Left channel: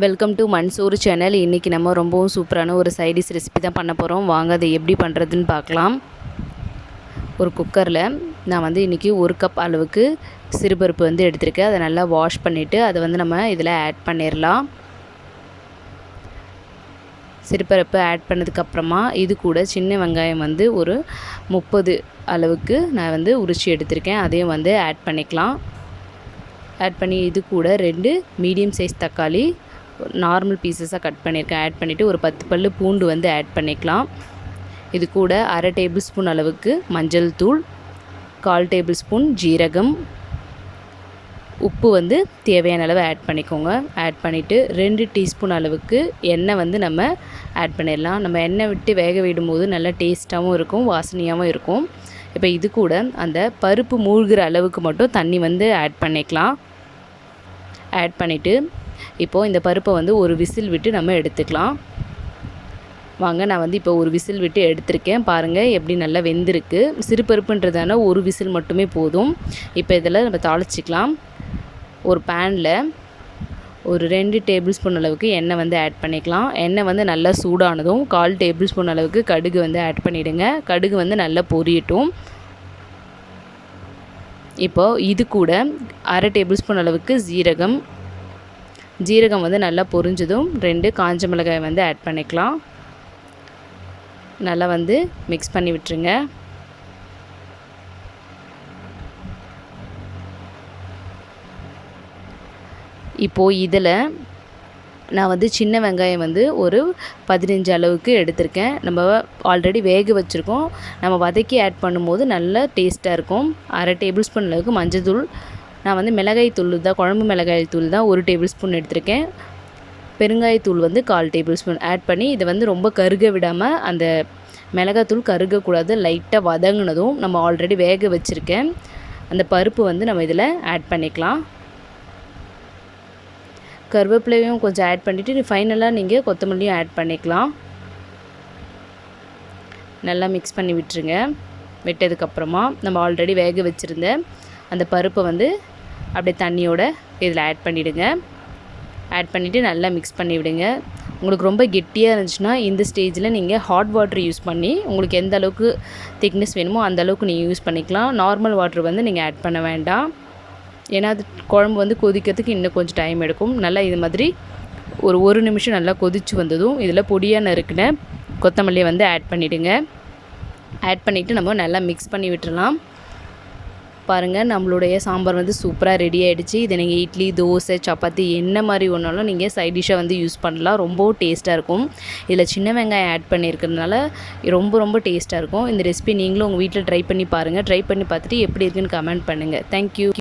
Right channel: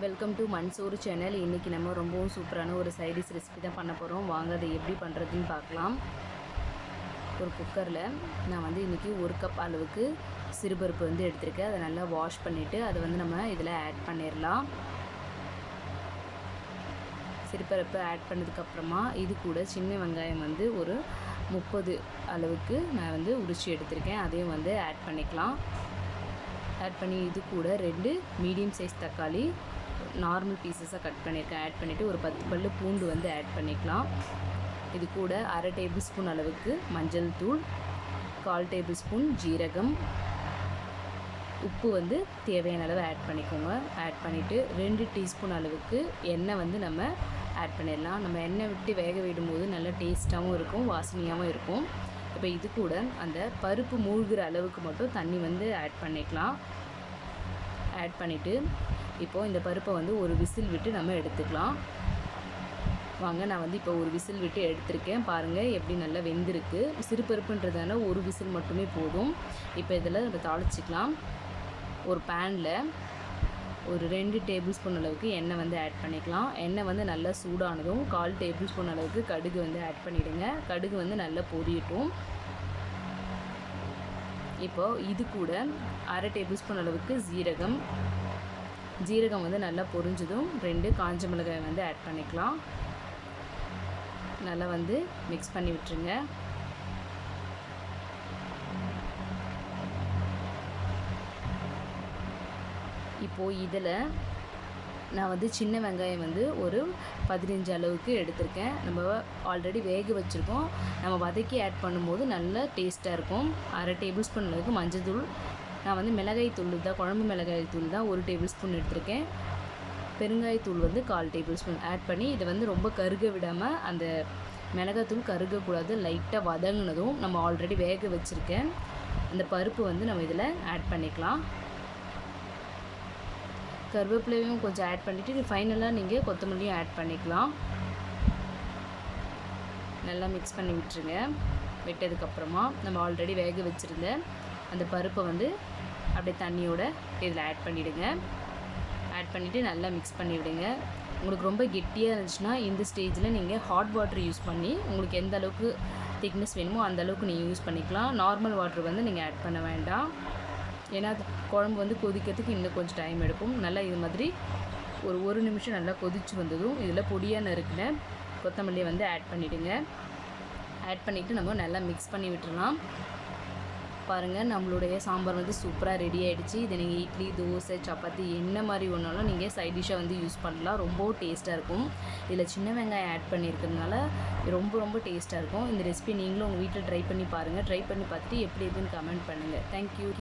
Welcome to Mansoor channel. இன்றைக்கி நம்ம ரொம்பவும் சூப்பரான ஒரு சைடிஷ் ரெசிபி தான் பண்ண போகிறோம். வாங்க அதை எப்படி பண்ணுறதுன்னு பார்க்கலாம். ஒரு குக்கரில் நான் இன்றைக்கி 1 கப் அளவுக்கு சிறுபருப்பு எடுத்திருக்கேன். அதை நல்லா வாஷ் பண்ணிவிட்டு அதை நம்ம இதில் ஆட் பண்ணிடலாம். சிறுபருப்பு ஆட் பண்ணதுக்கப்புறமா இது கூட சின்ன வெங்காயம் ஒரு 30 அளவுக்கு நான் உரித்து எடுத்திருக்கேன். அதையும் ஆட் பண்ணிக்கலாம். ஆட் பண்ணி இது கூட 2 மீடியம் சைஸ் தக்காளி நார்மல் பீசஸாக கட் பண்ணியிருக்கேன். ஆட் பண்ணிவிட்டு ஒரு 10 பல்லு பூண்டு ஆட் பண்ணிக்கலாம். இது கூட 1/2 டேபிள் ஸ்பூன் அளவுக்கு மஞ்சள் தூள், 1/4 டேபிள் ஸ்பூன் ஜீரகம், உப்பு தேவையான அளவு ஆட் பண்ணிக்கோங்க. ஆட் பண்ணிவிட்டு 2 டீஸ்பூன் அளவுக்கு எண்ணெய் நம்ம ஆட் பண்ணிடலாம். நம்ம எண்ணெய் விட்டு வேக விடும்போது நல்லா டேஸ்ட்டாகவும் இருக்கும், வாசனையாகவும் இருக்கும். இப்போ இது கூட அந்த பருப்பு மூழ்கிற அளவுக்கு மட்டும் தண்ணி ஆட் பண்ணிக்கலாம். ஆட் பண்ணிவிட்டு இப்போது இந்த பருப்பை ஒரு விசில் விட்டு நம்ம எடுத்துக்கலாம். வாங்க, நான் இப்போ ஒரு விசில் விட்டு எடுத்திருக்கேன். பாருங்கள் எப்படி நல்லா வெந்திருக்கு. சிறு பருப்புன்றதால ஒரு விசில் மட்டுமே போதும். இப்போ இதில் நம்ம தாளிச்சிக்கலாம். ஒரு பேனில் ஒரு 2 டேபிள் ஸ்பூன் அளவுக்கு எண்ணெய் ஆட் பண்ணிக்கலாம். எண்ணெய் நல்லா சூடானதும் 1/4 டேபிள் ஸ்பூன் அளவுக்கு கடுகு ஆட் பண்ணிவிடுங்க. கடுகு நல்லா பொரியட்டும். இப்போது இது கூட 1/2 டேபிள் ஸ்பூன் அளவுக்கு ஜீரகம் நல்லா பொரிஞ்சதும் 2 காஞ்ச மிளகாய் ஆட் பண்ணிக்கலாம். நல்லா மிக்ஸ் பண்ணி விட்டுருங்க. இப்போது இதில் நான் சின்ன வெங்காயம் ஒரு 15 அளவுக்கு எடுத்திருக்கேன். நம்ம ஆல்ரெடி வேக வச்சுருக்கோம். நம்ம வதக்கி ஆட் பண்ணும்போது நல்லா டேஸ்ட்டாக இருக்கும். 1/2 டேபிள் ஸ்பூன் அளவுக்கு மஞ்சள் தூள், நான் மிளகாய் தூள் தான், குழம்பு மிளகாய் தூள் தான் 1 டேபிள் ஸ்பூன் எடுத்திருக்கேன். பெருங்காயத்தூள் 1/4 டேபிள் ஸ்பூன் ஆட் பண்ணி இதை ரொம்ப கருக விடாமல், அந்த மிளகாத்தூள் கருகக்கூடாது. லைட்டாக வதங்கினதும் நம்ம ஆல்ரெடி வேக வச்சுருக்கேன் அந்த பருப்பு நம்ம இதில் ஆட் பண்ணிக்கலாம். கருவேப்பிலையும் கொஞ்சம் ஆட் பண்ணிவிட்டு ஃபைனலாக நீங்கள் கொத்தமல்லியும் ஆட் பண்ணிக்கலாம். நல்லா மிக்ஸ் பண்ணி விட்டுருங்க. விட்டதுக்கப்புறமா நம்ம ஆல்ரெடி வேக வச்சுருந்த அந்த பருப்பை அப்படியே தண்ணியோட இதில் ஆட் பண்ணிவிடுங்க. ஆட் பண்ணிவிட்டு நல்லா மிக்ஸ் பண்ணி விடுங்க. உங்களுக்கு ரொம்ப கெட்டியாக இருந்துச்சுன்னா இந்த ஸ்டேஜில் நீங்கள் ஹாட் வாட்டர் யூஸ் பண்ணி உங்களுக்கு எந்த அளவுக்கு திக்னஸ் வேணுமோ அந்த அளவுக்கு நீங்கள் யூஸ் பண்ணிக்கலாம். நார்மல் வாட்டர் நீங்கள் ஆட் பண்ண வேண்டாம். ஏன்னா அது குழம்பு கொதிக்கிறதுக்கு இன்னும் கொஞ்சம் டைம் எடுக்கும். நல்லா இது மாதிரி ஒரு நிமிஷம் நல்லா கொதித்து வந்ததும் இதில் பொடியாக நறுக்கின கொத்தமல்லியை ஆட் பண்ணிவிடுங்க. ஆட் பண்ணிவிட்டு நம்ம நல்லா மிக்ஸ் பண்ணி விட்டுறலாம். பாருங்கள், நம்மளுடைய சாம்பார் சூப்பராக ரெடி ஆகிடுச்சு. இதை நீங்கள் இட்லி, தோசை, சப்பாத்தி என்ன மாதிரி ஒன்றாலும் நீங்கள் சைட் டிஷ்ஷாக யூஸ் பண்ணலாம். ரொம்பவும் டேஸ்ட்டாக இருக்கும். இதில் சின்ன வெங்காயம் ஆட் பண்ணியிருக்கிறதுனால ரொம்ப டேஸ்ட்டாக இருக்கும். இந்த ரெசிபி நீங்களும் உங்கள் வீட்டில் ட்ரை பண்ணி பாருங்கள். ட்ரை பண்ணி பார்த்துட்டு எப்படி இருக்குன்னு கமெண்ட் பண்ணுங்கள். தேங்க்யூ.